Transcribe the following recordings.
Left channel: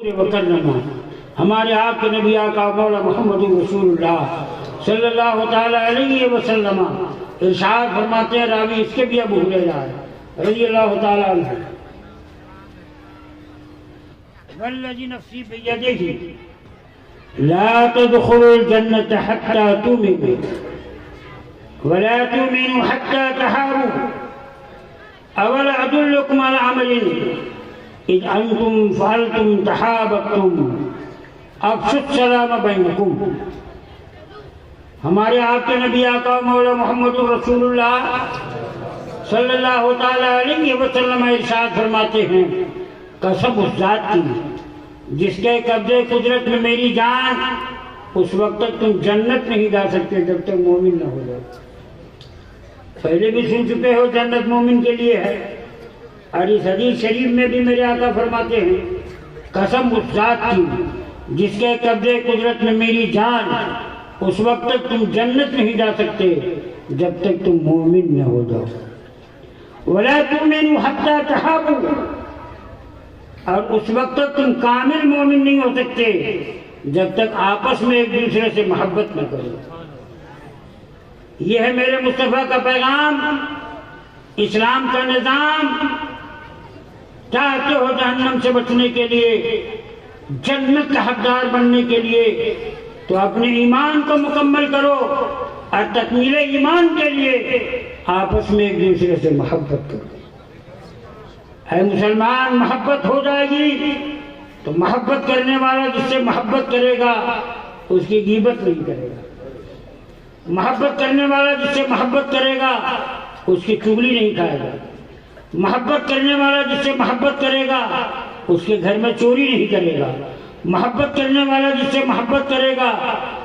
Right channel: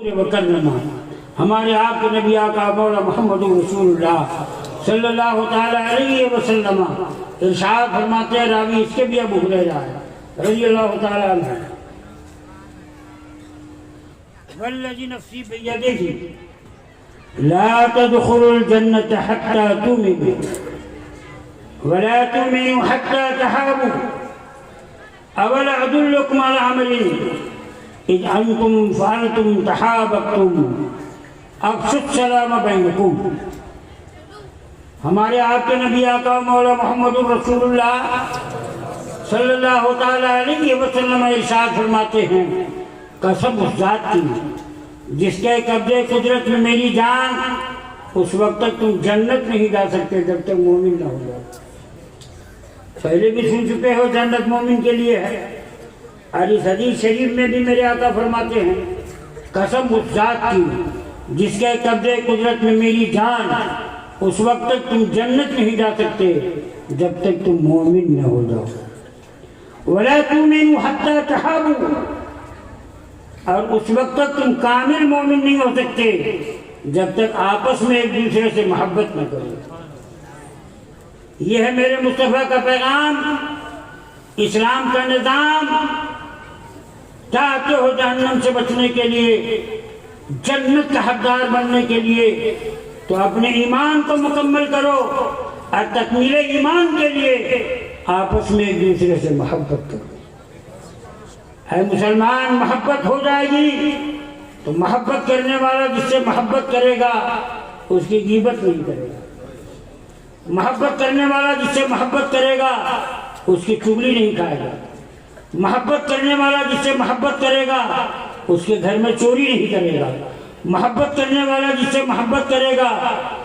وکرما ہمارے آپ کے نبی آقا مولا محمد رسول اللہ صلی اللہ تعالی علیہ وسلم ارشاد فرماتے ہیں، راوی اس کے بھی ابو ہریرہ رضی اللہ تعالی عنہ، والذی نفسی بیدہ لا تدخلوا الجنة حتى تؤمنوا ولا تؤمنوا حتى تحابوا أولا أدلكم على عمل إذ أنتم فعلتم تحاببتم افشوا السلام بینکم۔ ہمارے آپ کے نبی آقا مولا محمد رسول اللہ صلی اللہ تعالی علیہ وسلم ارشاد فرماتے ہیں، قسم اس ذات کی جس کے قبضے قدرت میں میری جان، اس وقت تک تم جنت نہیں جا سکتے جب تک مومن نہ ہو جاؤ۔ پہلے بھی سن چکے ہو جنت مومن کے لیے ہے، اور اس حدیث شریف میں بھی میرے آقا فرماتے ہیں، قسم اس ذات کی جس کے قبضے قدرت میں میری جان، اس وقت تک تم جنت نہیں جا سکتے جب تک تم مومن نہ ہو جاؤ۔ وَلَا تُؤْمِنُوا حَتَّى تَحَابُوا، اور اس وقت تک تم کامل مومن نہیں ہو سکتے جب تک آپس میں ایک دوسرے سے محبت نہ کرو۔ یہ ہے میرے مصطفیٰ کا پیغام، اسلام کا نظام۔ چاہتے ہو جہنم سے بچنے کے لیے، جنت کا حقدار بننے کے لیے، تو اپنے ایمان کو مکمل کرو، اور تکمیل ایمان کے لیے آپس میں ایک دوسرے سے محبت کرو۔ اے مسلمان، محبت ہو جائے گی تو محبت کرنے والا جس سے محبت کرے گا اس کی غیبت نہیں کرے گا، محبت کرنے والا جس سے محبت کرے گا اس کی چغلی نہیں کھائے گا، محبت کرنے والا جس سے محبت کرے گا اس کے گھر میں چوری نہیں کرے گا، محبت کرنے والا جس سے محبت کرے گا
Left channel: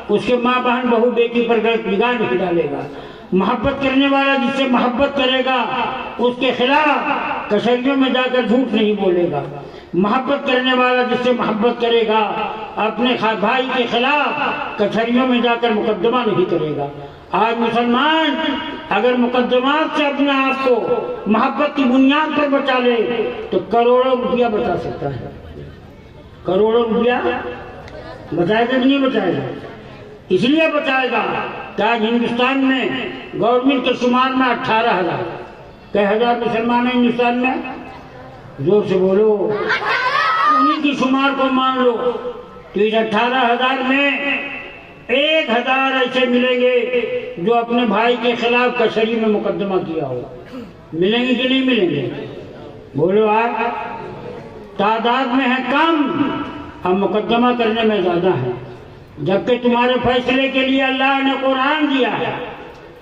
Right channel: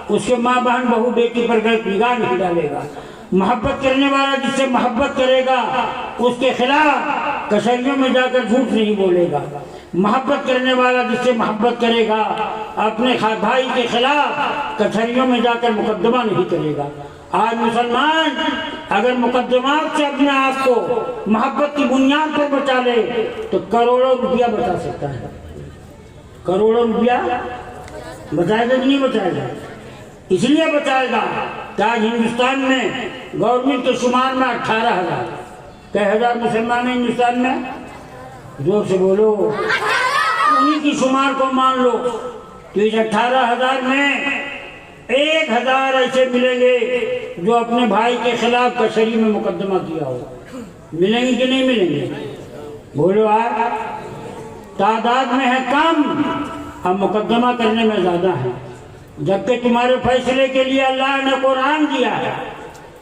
اس کے ماں بہن بہو بیٹی پر غلط نگاہ نہیں ڈالے گا، محبت کرنے والا جس سے محبت کرے گا اس کے خلاف کچہریوں میں جا کر جھوٹ نہیں بولے گا، محبت کرنے والا جس سے محبت کرے گا اپنے بھائی کے خلاف کچہریوں میں جا کر مقدمہ نہیں کرے گا۔ آج مسلمان اگر مقدمات سے اپنے آپ کو محبت کی بنیاد پر بچا لے تو کروڑوں روپیہ بچا سکتا ہے۔ کروڑوں روپیہ بچائے گا کہ نہیں بچائے گا؟ اس لیے بچائے گا کہ آج ہندوستان میں گورنمنٹ کے شمار میں 18,000 کئی ہزار مسلمان ہیں ہندوستان میں، زور سے بولو، انہی کی شمار کو مان لو تو اس 18,000 میں 1,000 ایسے ملیں گے جو اپنے بھائی کے خلاف کچہری میں مقدمہ کیا ہو۔ ملیں گے کہ نہیں ملیں گے؟ بولو آج تعداد میں ہے کم، اب مقدمہ کرنے میں زیادہ ہے، جبکہ تمہارے فیصلے کے لیے اللہ نے قرآن دیا ہے،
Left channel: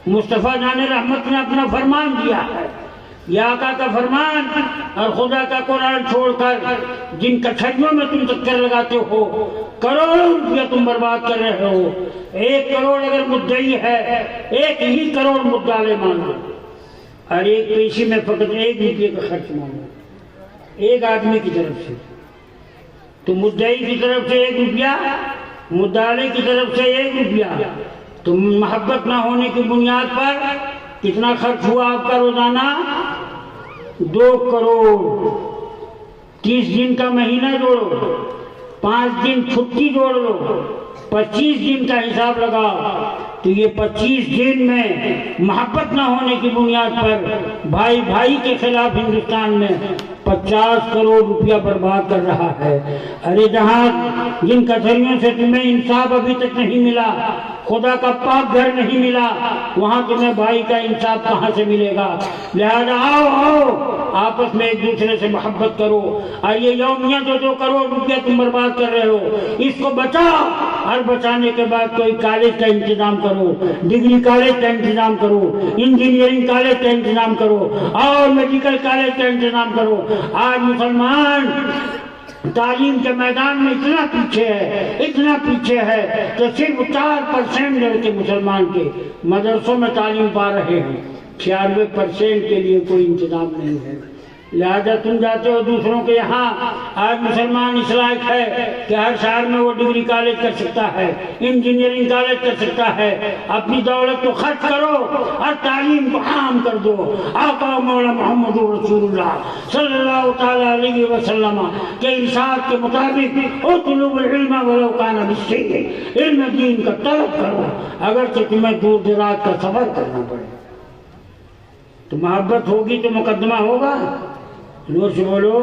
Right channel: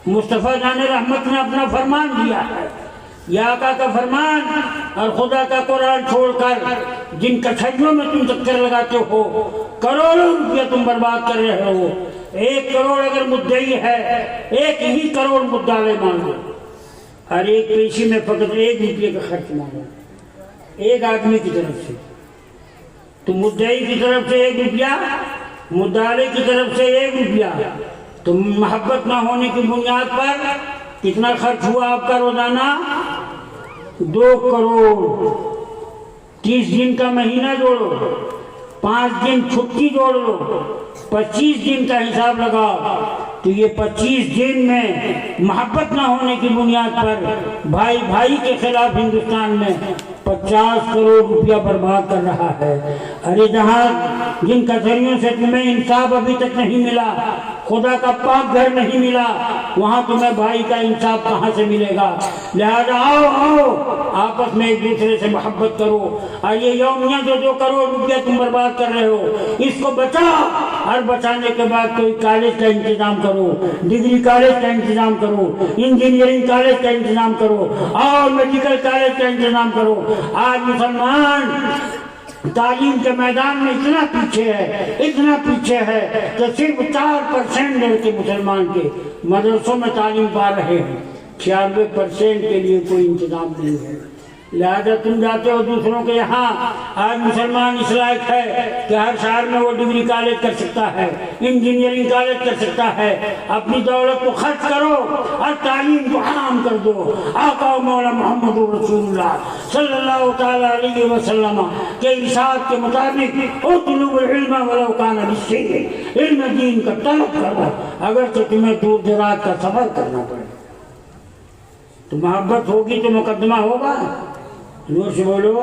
مصطفیٰ جان رحمت نے اپنا فرمان دیا ہے، یا آقا کا فرمان اور خدا کا قرآن چھوڑ کر جن کچہریوں میں تم چکر لگاتے ہو، کروڑوں روپیہ تم برباد کر رہے ہو۔ 1 کروڑ اگر مدعی ہے، 1 ہی کروڑ مدعا مانگو، اور ایک پیشی میں فقط 1 روپیے کا خرچ مانگو، ایک آدمی کی طرف سے، تو مدعی کی طرف سے 1 روپیہ، مدعے کی طرف سے 1 روپیہ، تو محبت نہ ہونے کی بنیاد پر کتنا خرچ ہوا آپ کا روزانہ؟ 2 کروڑ۔ 30 دن کا مہینہ جوڑو، 5 دن چھٹی جوڑ لو، 25 دن کا حساب لگاؤ، تو یہ 25 دن میں محبت نہ ہونے کی بنیاد پر بھائی بھائی کے خلاف ہندوستان میں 50 کروڑ روپیہ برباد کر رہا ہے۔ ارے جہاں جن کچہریوں سے تمہیں انصاف ابھی تک نہیں ملا، خدا کا پاک گھر نہیں ملا، وہاں تمہیں بھائی کا انصاف کہاں سے ملے گا؟ لہذا آؤ آپس میں ایک دوسرے سے محبت کرو، اور یہ یومیہ جو 2 کروڑ روپیہ تم برباد کر رہے ہو اس کو بچاؤ، اور بچانے کے بعد کوئی کالج کا انتظام کرو، ڈگری کالج کا انتظام کرو، انجینئرنگ کالج کا انتظام کرو، اور میڈیکل کالج کا انتظام کرو۔ آج مسلمان تعلیم کے میدان میں اتنا پیچھے ہے کہ صرف 4% لڑکے مسلمان کے مدرسوں میں تعلیم پا رہے ہیں، 96% کے لیے کوئی انتظام نہیں ہے۔ لہذا تم جاتے ہو دوسروں کے یہاں، آج مسلمان اس لائق ہے کہ ہر شہر میں وہ ڈگری کالج کر سکتا ہے، انجینئرنگ کالج کر سکتا ہے۔ اپنی دولت کو خرچ کرو اور تعلیم کو عام کر دو۔ آقا مولا محمد رسول اللہ صلی اللہ تعالی علیہ وسلم کے ارشاد کے مطابق اطلب العلم ولو کان بالسین، علم دین کا طلب کرو اگرچہ تمہیں دور دراز کا سفر کرنا پڑے۔ تو محبت ہوگی تو مقدمہ ہوگا، زور سے بولو۔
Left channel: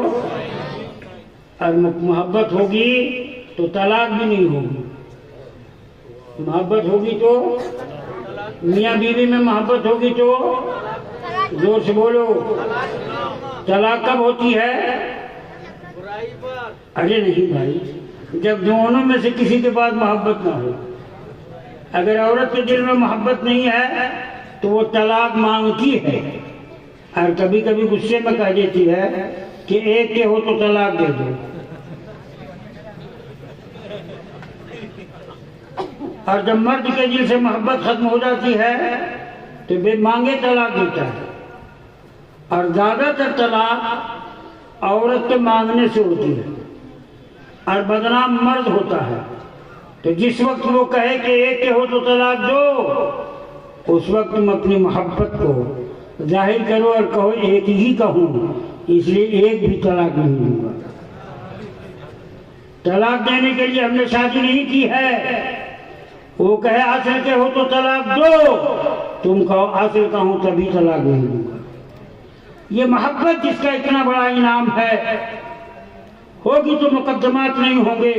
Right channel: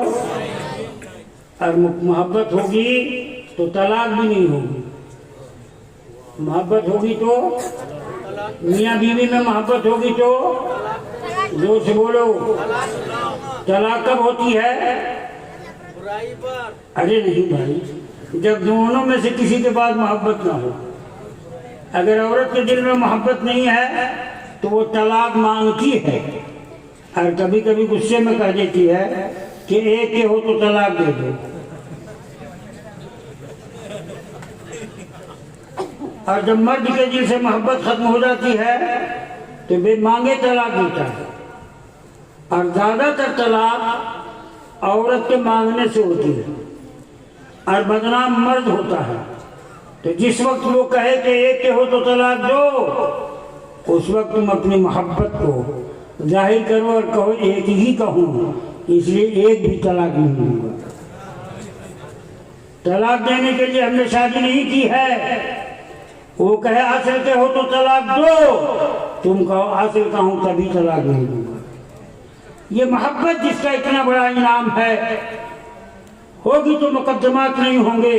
اور محبت ہوگی تو طلاق بھی نہیں ہوگی۔ محبت ہوگی تو میاں بیوی میں محبت ہوگی تو زور سے بولو۔ طلاق کب ہوتی ہے؟ ارے نہیں بھائی، جب دونوں میں سے کسی کے پاس محبت نہ ہو۔ اگر عورت کے دل میں محبت نہیں ہے تو وہ طلاق مانگتی ہے، اور کبھی کبھی غصے میں کہہ دیتی ہے کہ ایک کے ہو تو طلاق دے دو، اور جب مرد کے دل سے محبت ختم ہو جاتی ہے تو بے مانگے طلاق دیتا ہے۔ اور زیادہ تر طلاق عورت کے مانگنے سے ہوتی ہے، اور بدنام مرد ہوتا ہے۔ تو جس وقت وہ کہے کہ ایک کے ہو تو طلاق دو، اس وقت تم اپنی محبت کو ظاہر کرو اور کہو ایک ہی کہوں، اس لیے ایک بھی طلاق نہیں ہوگا۔ طلاق دینے کے لیے ہم نے شادی نہیں کی ہے۔ وہ کہے اصل کے ہو تو طلاق دو، تم کہو اصل کا ہوں تبھی طلاق نہیں ہوگا۔ یہ محبت جس کا اتنا بڑا انعام ہے، ہوگی تو مقدمات نہیں ہوں گے،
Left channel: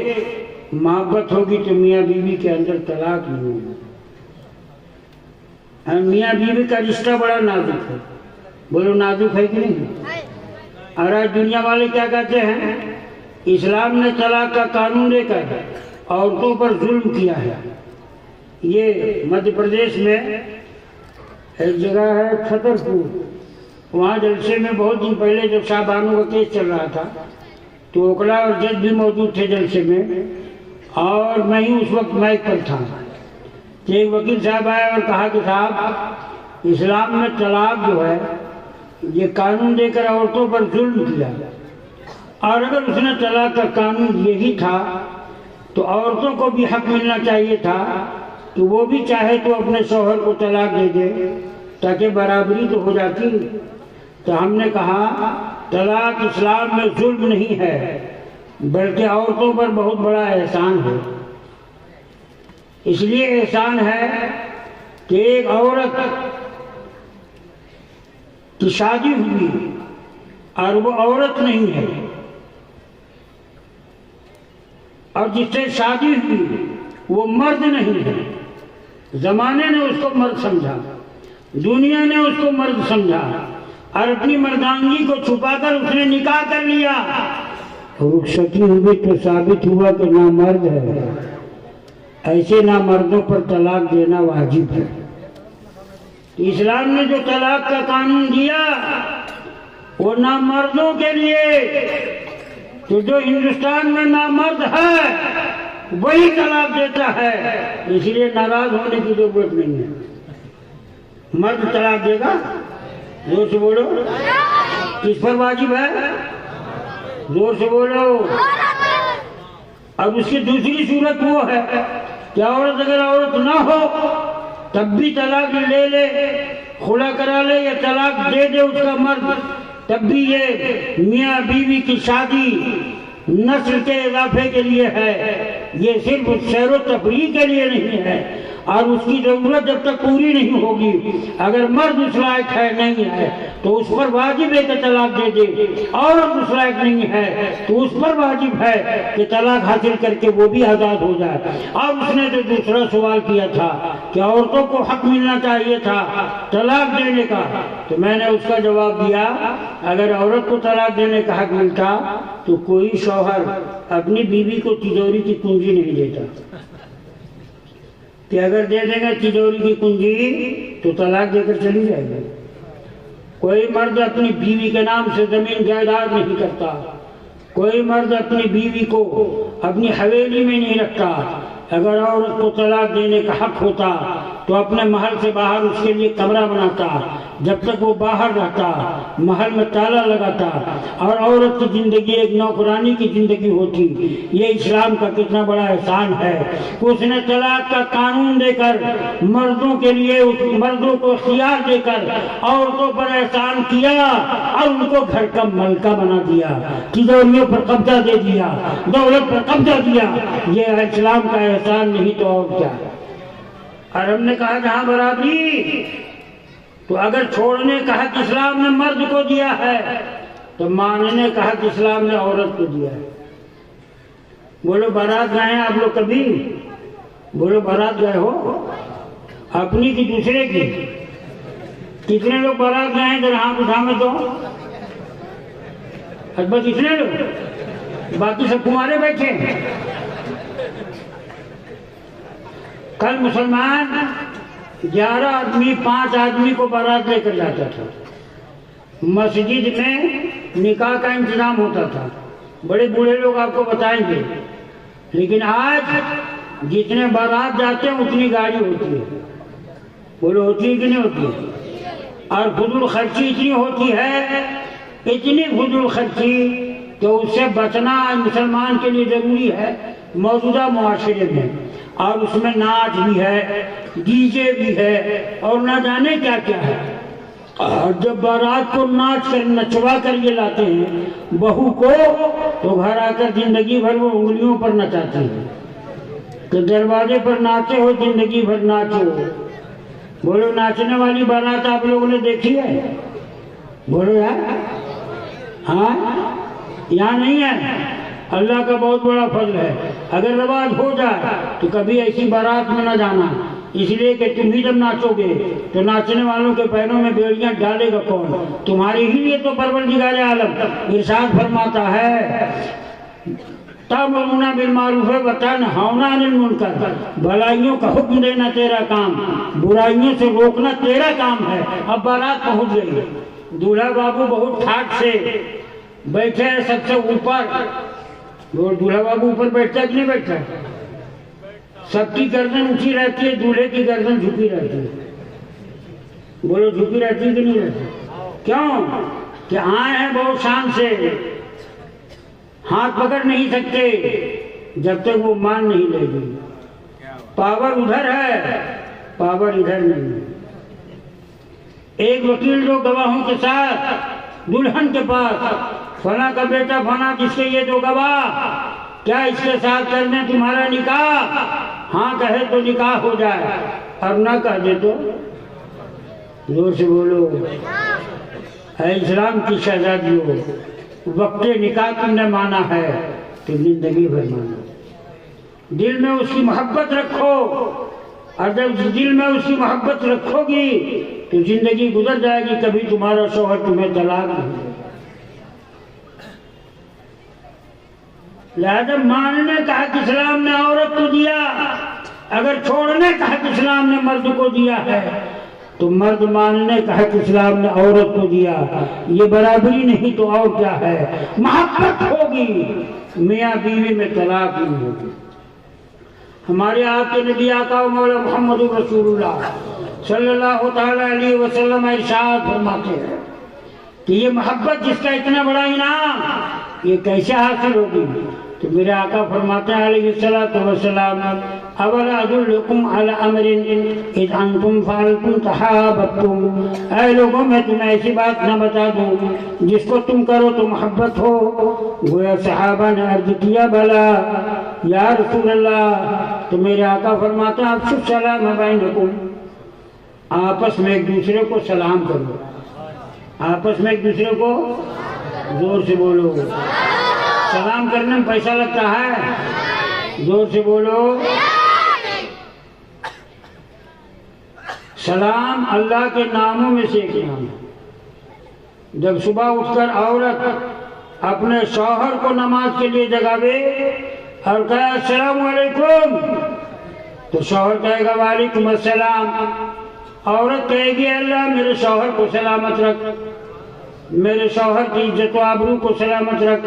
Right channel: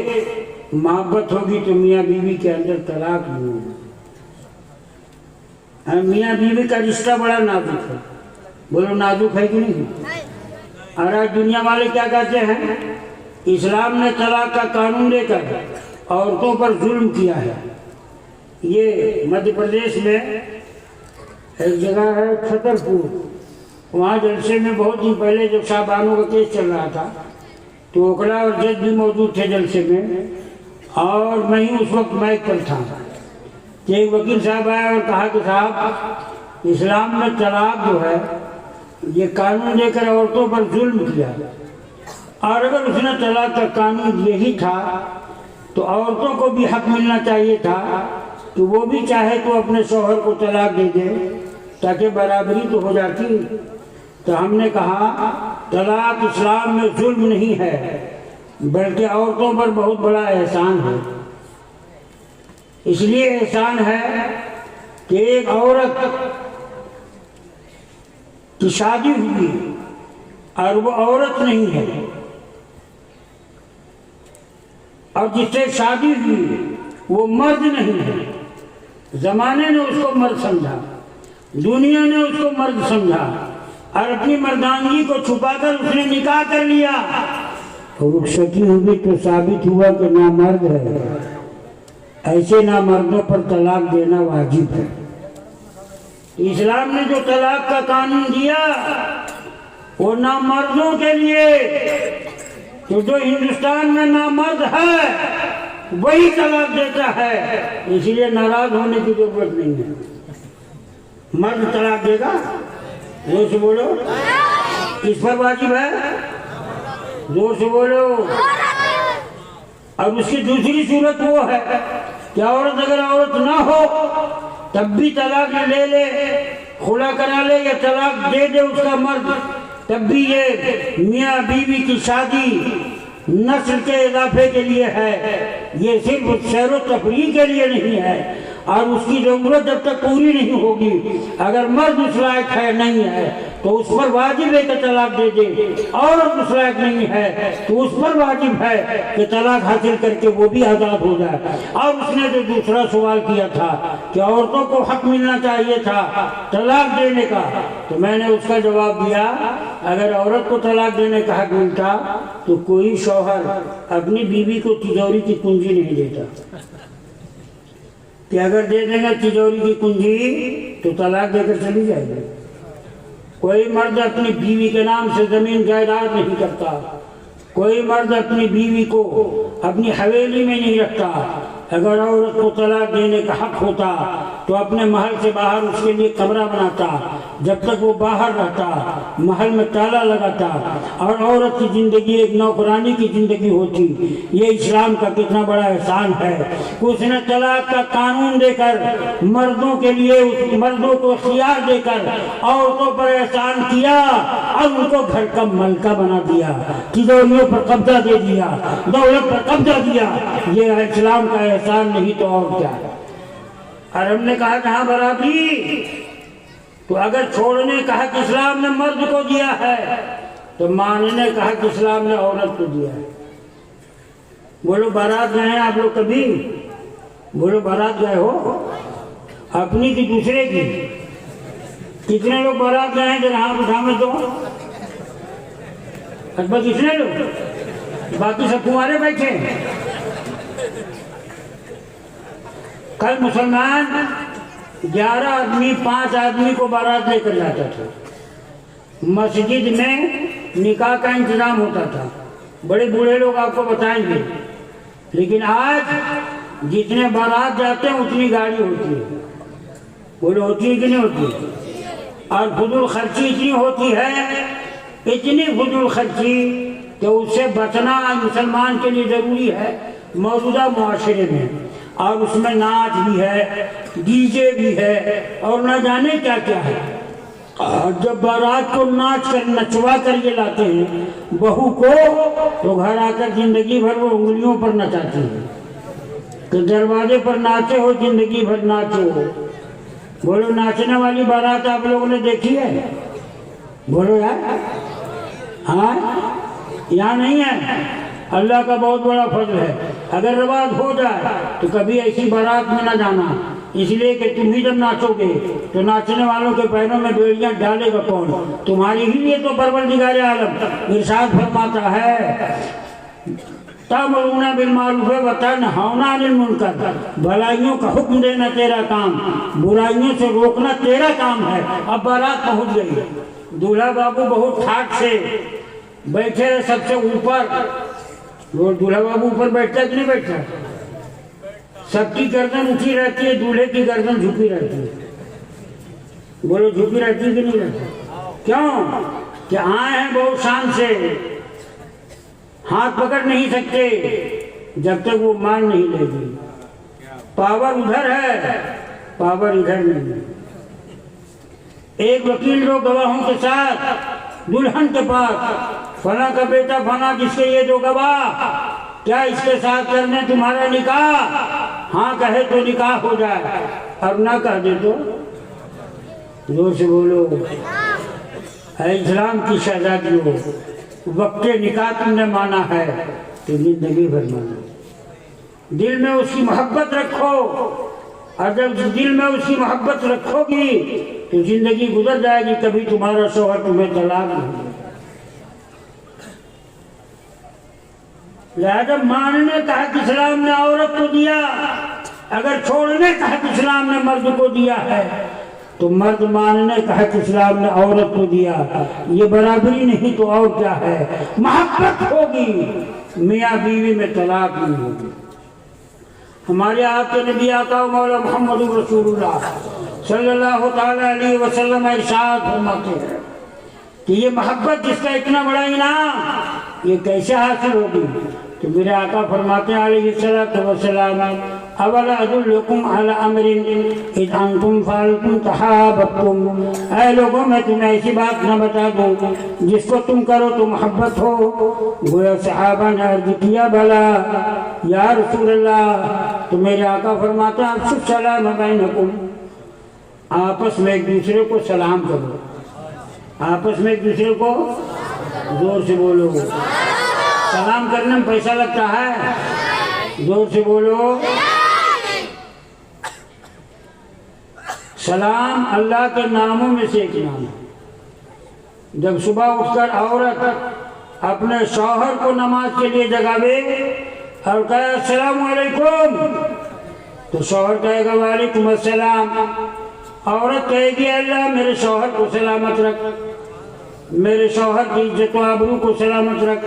محبت ہوگی تو میاں بیوی کے اندر طلاق نہیں ہوگا۔ میاں بیوی کا رشتہ بڑا نازک ہے، بولو نازک ہے کہ نہیں؟ اور آج دنیا والے کیا کہتے ہیں؟ اسلام نے طلاق کا قانون لے کر عورتوں پر ظلم کیا ہے۔ یہ مدھیہ پردیش میں ایک جگہ ہے چھتر پور، وہاں جلسے میں بہت دن پہلے جب شاہ بانو کا کیس چل رہا تھا تو اوکڑا اور جج بھی موجود تھے جلسے میں، اور میں ہی اس وقت مائک پر تھا کہ ایک وکیل صاحب آئے اور کہا کہ صاحب اسلام میں طلاق جو ہے یہ قانون دے کر عورتوں پر ظلم کیا، اور اگر اس نے طلاق کا قانون یہی تھا تو عورتوں کو بھی حق ملنا چاہیے تھا کہ وہ بھی چاہے تو اپنے شوہر کو طلاق دے دے تاکہ برابری تو ہو جاتی۔ تو ہم نے کہا طلاق اسلام میں ظلم نہیں ہے بلکہ عورتوں پر بہت بڑا احسان ہے۔ اس لیے احسان ہے کہ ایک عورت کی شادی ہوئی اور وہ عورت نہیں ہے، اور جس سے شادی ہوئی وہ مرد نہیں ہے۔ زمانے نے اس کو مرد سمجھا، دنیا نے اس کو مرد سمجھا، اور اپنی مردانگی کو چھپا کر اس نے نکاح کر لیا۔ رخصتی ہوئی تو ثابت ہوا کہ نامرد ہے۔ ایسے نامردوں پر طلاق دینا واجب ہے۔ اسلام نے جو طلاق کا قانون دیا وہ نامردوں کے لیے، تو جو ہندوستان میں نامرد ہے وہی طلاق دیتا ہے، اس لیے ناراض ہونے کی ضرورت نہیں ہے۔ مرد طلاق دے گا، زور سے بولو، کس پر واجب ہے؟ زور سے بولو۔ اب اس کی دوسری صورت وہ ہے کہ عورت اگر عورت نہ ہو تب بھی طلاق لے لے، خلا کرا لے یا طلاق دے دے اس کا مرد، تب بھی یہ میاں بیوی کی شادی نسل کے اضافے کے لیے ہے، یہ صرف سیر و تفریح کے لیے نہیں ہے، اور اس کی ضرورت جب تک پوری نہیں ہوگی، اگر مرد اس لائق ہے نہیں ہے تو اس پر واجب ہے کہ طلاق دے دے، عورت اس لائق نہیں ہے تو اس پر واجب ہے کہ طلاق حاصل کر کے وہ بھی آزاد ہو جائے۔ اور اس نے جو دوسرا سوال کیا تھا کہ عورتوں کو حق ملنا چاہیے تھا طلاق دینے کا، تو میں نے اس کا جواب دیا اگر عورت کو طلاق دینے کا حق ملتا تو کوئی شوہر اپنی بیوی کو تجوری کی کنجی نہیں دیتا، کہ اگر دے دیں گے تجوری کی کنجی تو طلاق دے کر چلی جائے گی۔ کوئی مرد اپنی بیوی کے نام سے زمین جائیداد نہیں کرتا، کوئی مرد اپنی بیوی کو اپنی حویلی میں نہیں رکھتا۔ اگر عورت کو طلاق دینے کا حق ہوتا تو اپنے محل سے باہر اس کے لیے کمرہ بناتا جب تک وہ باہر رہتا، محل میں تالا لگاتا اور عورت کی زندگی ایک نوکرانی کی زندگی ہوتی۔ یہ اسلام کا کتنا بڑا احسان ہے کہ اس نے طلاق کا قانون دے کر مردوں کے لیے، مردوں کو اختیار دے کر عورتوں پر احسان کیا اور ان کو گھر کا ملکہ بنا دیا، تجوریوں پر قبضہ دے دیا، دولت پر قبضہ دیا۔ یہ اسلام کا احسان نہیں تو اور کیا۔ اور ہم نے کہا جہاں برابری، تو اگر چھوڑنے کا حق اسلام نے مرد کو دیا ہے تو ماننے کا حق اسلام نے عورت کو دیا ہے۔ بولو بارات گئے ہیں آپ لوگ کبھی؟ بولو بارات گئے ہو؟ اپنی کی دوسرے کی؟ کتنے لوگ بارات گئے ہیں ذرا ہاتھ اٹھا میں تو؟ بس اتنے لوگ، باقی سب تمہارے بیٹھے ہیں۔ کل مسلمان 11 آدمی 5 آدمی کو بارات لے کر جاتا تھا، مسجد میں نکاح کا انتظام ہوتا تھا، بڑے بوڑھے لوگ آپ کو بتائیں گے۔ لیکن آج جتنے بارات جاتے ہیں اتنی گاڑی ہوتی ہے، بولو ہوتی ہے کہ نہیں ہوتی؟ اور فضول خرچی اتنی ہوتی ہے، اتنی فضول خرچی کہ اس سے بچنا مسلمان کے لیے ضروری ہے موجودہ معاشرے میں۔ اور اس میں ناچ بھی ہے، ڈی جے بھی ہے، اور نہ جانے کیا کیا ہے۔ اور جب بارات کو ناچ کر نچوا کر یہ لاتے ہیں بہو کو، تو گھر آ کر زندگی بھر وہ انگلیوں پر نچاتے ہیں کہ دروازے پر ناچے ہو، زندگی بھر ناچے ہو۔ بولو ناچنے والی بارات آپ لوگوں نے دیکھی ہے؟ بولو یار، ہاں یہاں نہیں ہے۔ اللہ کا بہت بڑا فضل ہے، اگر رواج ہو جائے تو کبھی ایسی بارات میں نہ جانا، اس لیے کہ تم بھی جب ناچو گے تو ناچنے والوں کے پیروں میں بیڑیاں ڈالے گا کون؟ تمہاری ہی لیے تو پروردگار عالم ارشاد فرماتا ہے تأمرون بالمعروف وتنہون عن المنکر، بھلائیوں کا حکم دینا تیرا کام، برائیوں سے روکنا تیرا کام ہے۔ اب بارات پہنچ گئی، دولہا بابو بہت ٹھاٹ سے بیٹھے سب سے اوپر، وہ دولہا بابو اوپر بیٹھتا ہے کہ نہیں بیٹھتا؟ سب کی گردن اٹھی رہتی ہے، دولہے کی گردن جھکی رہتی ہے۔ بولو جھکی رہتی ہے کہ نہیں رہتی؟ کیوں کہ آئے ہیں بہت شان سے، ہاتھ پکڑ نہیں سکتے جب تک وہ مان نہیں لے گی۔ پاور ادھر ہے، پاور ادھر نہیں۔ ایک وکیل جو گواہوں کے ساتھ دلہن کے پاس، فلاں کا بیٹا فلاں جس کے یہ جو گواہ، کیا اس کے ساتھ کرنے تمہارا نکاح؟ ہاں کہے تو نکاح ہو جائے، اور نہ کہہ دے تو زور سے بولو اے اسلام کی شہزادیوں، وقت نکاح تم نے مانا ہے تو زندگی بھر مانا۔ دل میں اس کی محبت رکھو، اور جب دل میں اس کی محبت رکھو گی تو زندگی گزر جائے گی، کبھی تمہارا شوہر تمہیں طلاق نہیں دے۔ لہذا ماننے کا حق اسلام نے عورت کو دیا، اگر چھوڑنے کا حق اسلام نے مرد کو دیا ہے تو مرد ماننے کا حق اسلام نے عورت کو دیا۔ یہ برابری نہیں تو اور کیا ہے؟ محبت ہوگی، میاں بیوی میں طلاق نہیں ہوگی۔ ہمارے آپ کے نبی آقا و مولا محمد رسول اللہ صلی اللہ تعالی علیہ وسلم ارشاد فرماتے ہیں کہ یہ محبت جس کا اتنا بڑا انعام، یہ کیسے حاصل ہوگی؟ تو میرے آقا فرماتے ہیں علیہ السلام اولا ادلکم علی امر اذ انتم فعلتم تحاببتم، اے لوگوں میں تمہیں ایسی بات نہ بتا دوں جس کو تم کرو تو محبت ہو؟ گویا صحابہ نے عرض کیا بلا یا رسول اللہ، تو میرے آقا فرماتے ہیں افشوا السلام بینکم، آپس میں ایک دوسرے کو سلام کرو، آپس میں ایک دوسرے کو، زور سے بولو، سلام کرنے میں پیسہ لگتا ہے؟ زور سے بولو۔ سلام اللہ کے ناموں میں سے ایک نام ہے۔ جب صبح اٹھ کر عورت اپنے شوہر کو نماز کے لیے جگاوے اور کہا السلام علیکم، تو شوہر کہے گا وعلیکم السلام، عورت کہے گی اللہ میرے شوہر کو سلامت رکھ، میرے شوہر کی عزت و آبرو کو سلامت رکھ،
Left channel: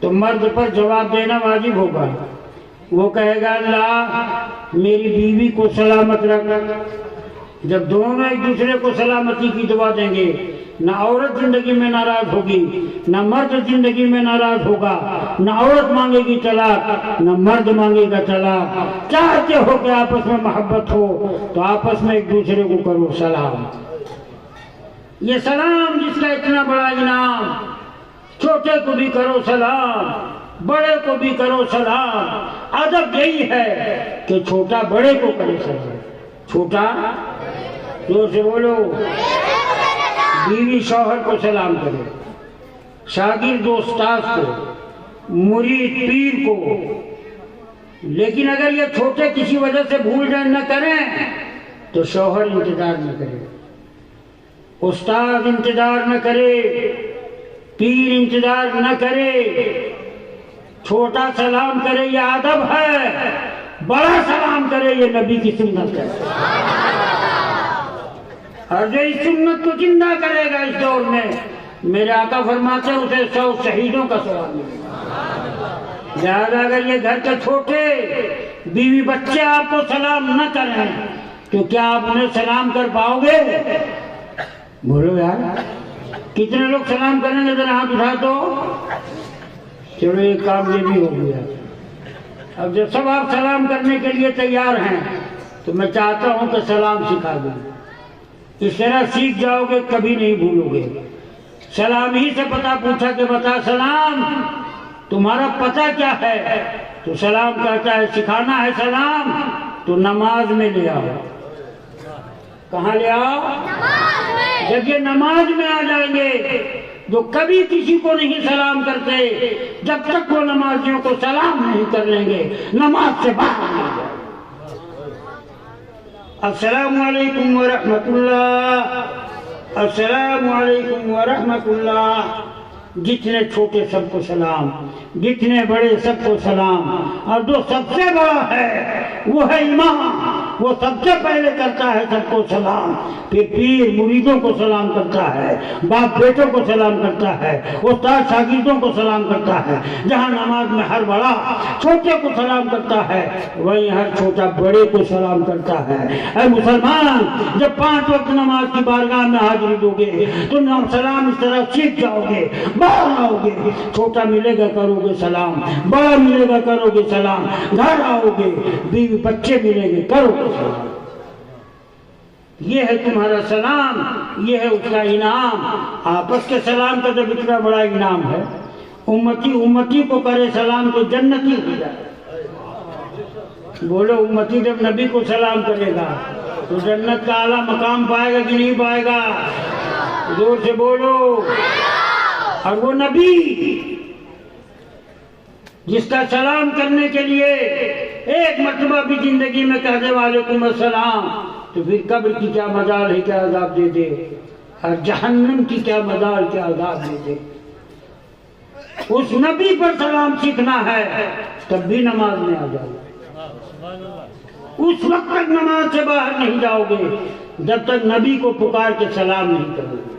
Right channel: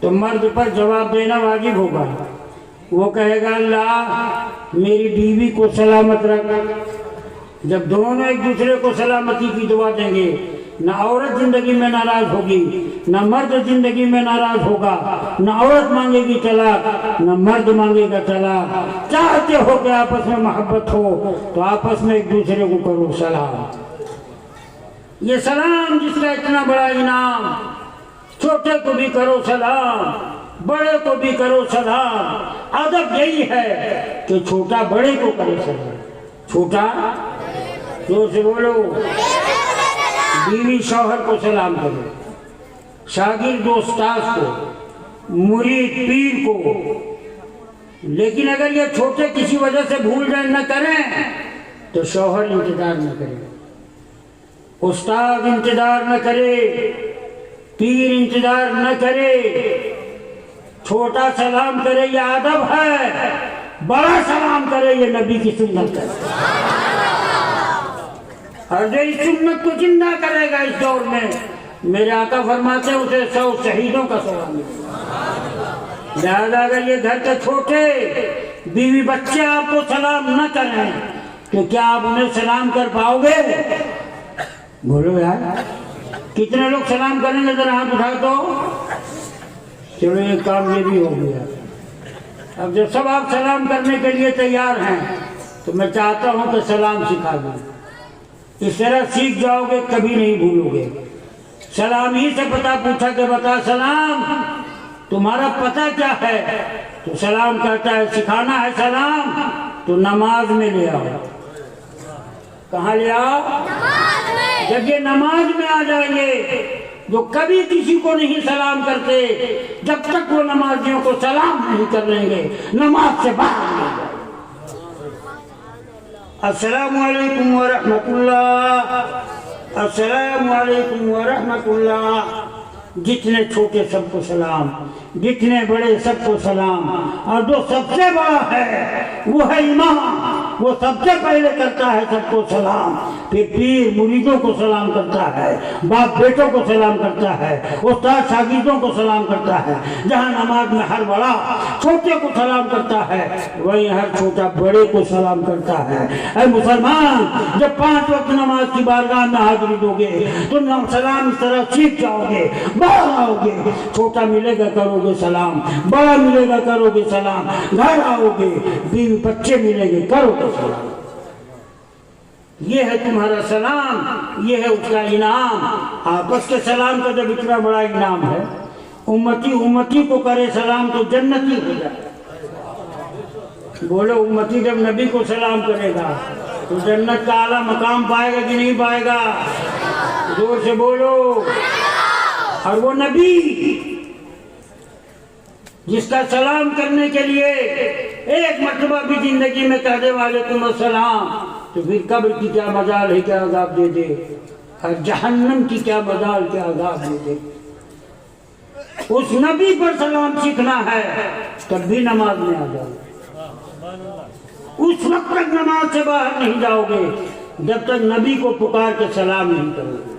تو مرد پر جواب دینا واجب ہوگا، وہ کہے گا اللہ میری بیوی کو سلامت رکھ، جب دونوں ایک دوسرے کو سلامتی کی دعا دیں گے، نہ عورت زندگی میں ناراض ہوگی، نہ مرد زندگی میں ناراض ہوگا، نہ عورت مانگے گی طلاق، نہ مرد مانگے گا طلاق۔ چاہتے ہو کہ آپس میں محبت ہو تو آپس میں ایک دوسرے کو کرو سلام۔ یہ سلام جس کا اتنا بڑا انعام، چھوٹے کو بھی کرو سلام، بڑے کو بھی کرو سلام۔ ادب یہی ہے کہ چھوٹا بڑے کو کرے سلام۔ چھوٹا جو سے بولو، بیوی شوہر کو سلام کرے، شاگرد استاذ کو، مرید پیر کو۔ لیکن اگر یہ چھوٹے کسی وجہ سے بھول جائیں نہ کریں تو شوہر انتظار نہ کرے، استاد انتظار نہ کرے، پیر انتظار نہ کرے۔ چھوٹا سلام کرے یہ ادب ہے، بڑا سلام کرے یہ نبی کی سنت ہے۔ اور جو اس سنت کو زندہ کرے گا اس دور میں، میرے آقا فرماتے ہیں اسے 100 شہیدوں کا ثواب ملے گا۔ لہذا اگر یہ گھر کے چھوٹے بیوی بچے آپ کو سلام نہ کریں تو کیا آپ انہیں سلام کر پاؤ گے؟ بولو یار، کتنے لوگ سلام کریں گے؟ ذرا ہاتھ اٹھا دو۔ چلو یہ کام یہ بھی ہو گیا۔ اب جب سب آپ سلام کرنے کے لیے تیار ہیں تو میں چاہتا ہوں کہ سلام سکھا دوں۔ اس طرح سیکھ جاؤ گے، کبھی نہیں بھولو گے۔ سلام ہی سے پتہ پوچھا کہ بتا سلام تمہارا پتہ کیا ہے؟ تو سلام کہتا ہے سکھانا ہے سلام تو نماز میں لے آؤ۔ کہاں لے آؤ؟ جب یہ نماز میں آ جائیں گے جو کبھی کسی کو نہیں سلام کرتے، جب تک وہ نمازیوں کو سلام نہیں کر لیں گے نماز سے باہر نہ جائیں۔ السلام علیکم ورحمۃ اللہ، السلام علیکم ورحمۃ اللہ۔ جتنے چھوٹے سب کو سلام، جتنے بڑے سب کو سلام۔ اور جو سب سے بڑا ہے وہ ہے امام، وہ سب سے پہلے کرتا ہے سب کو سلام، پھر پیر مریدوں کو سلام کرتا ہے، باپ بیٹوں کو سلام کرتا ہے، استاد شاگردوں کو سلام کرتا ہے۔ جہاں نماز میں ہر بڑا چھوٹے کو سلام کرتا ہے وہیں ہر چھوٹا بڑے کو سلام کرتا ہے۔ اے مسلمان، جب 5 وقت نماز کی بارگاہ میں حاضری دو گے تو سلام اس طرح سیکھ جاؤ گے، بڑا آؤ گے، چھوٹا ملے گا کرو گے سلام، بڑا ملے گا کرو گے سلام، گھر آؤ گے بیوی بچے ملیں گے کرو گے سلام۔ یہ ہے تمہارا سلام، یہ ہے اس کا انعام۔ آپس کے سلام کا جب اتنا بڑا انعام ہے، امتی امتی کو کرے سلام تو جنتی ہو جائے۔ بولو، امتی جب نبی کو سلام کرے گا تو جنت کا اعلیٰ مقام پائے گا کہ نہیں پائے گا؟ زور سے بولو۔ اور وہ نبی جس کا سلام کرنے کے لیے ایک مرتبہ بھی زندگی میں کہہ دے وعلیکم السلام تو پھر قبر کی کیا مجال ہے کیا عذاب دے دے، اور جہنم کی کیا مجال کیا عذاب دے دے۔ اس نبی پر سلام سیکھنا ہے تب بھی نماز میں آ جاؤ۔ اس وقت تک نماز سے باہر نہیں جاؤ گے جب تک نبی کو پکار کے سلام نہیں کرو گے۔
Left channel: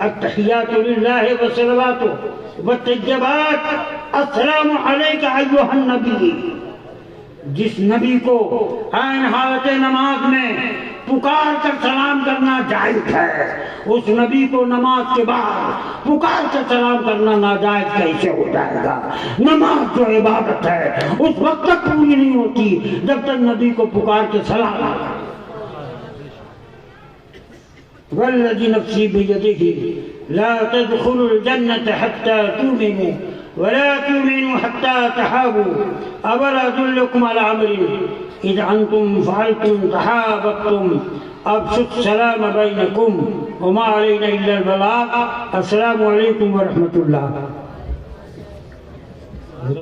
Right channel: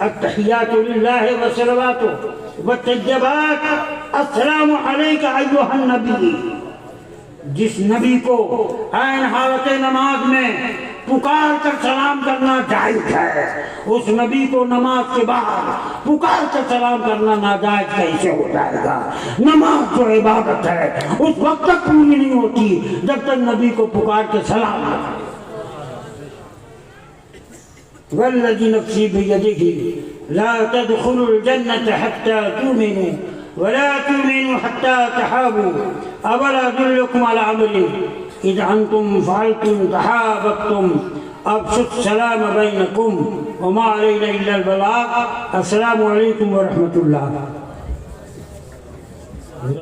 التحیات للہ والصلوات والطیبات السلام علیک ایھا النبی۔ جس نبی کو عین حالت نماز میں پکار کر سلام کرنا جائز ہے، اس نبی کو نماز کے بعد پکار کر سلام کرنا ناجائز کیسے ہو جائے گا؟ نماز جو عبادت ہے اس وقت تک پوری نہیں ہوتی جب تک نبی کو پکار کے سلام نہ کرے۔ والذی نفسی بیدہ لا تدخلوا الجنة حتى تؤمنوا ولا تؤمنوا حتى تحابوا أولا أدلكم على أمر إذا أنتم فعلتم تحاببتم أفشوا السلام بينكم وما علينا إلا البلاغ۔ السلام علیکم ورحمۃ اللہ۔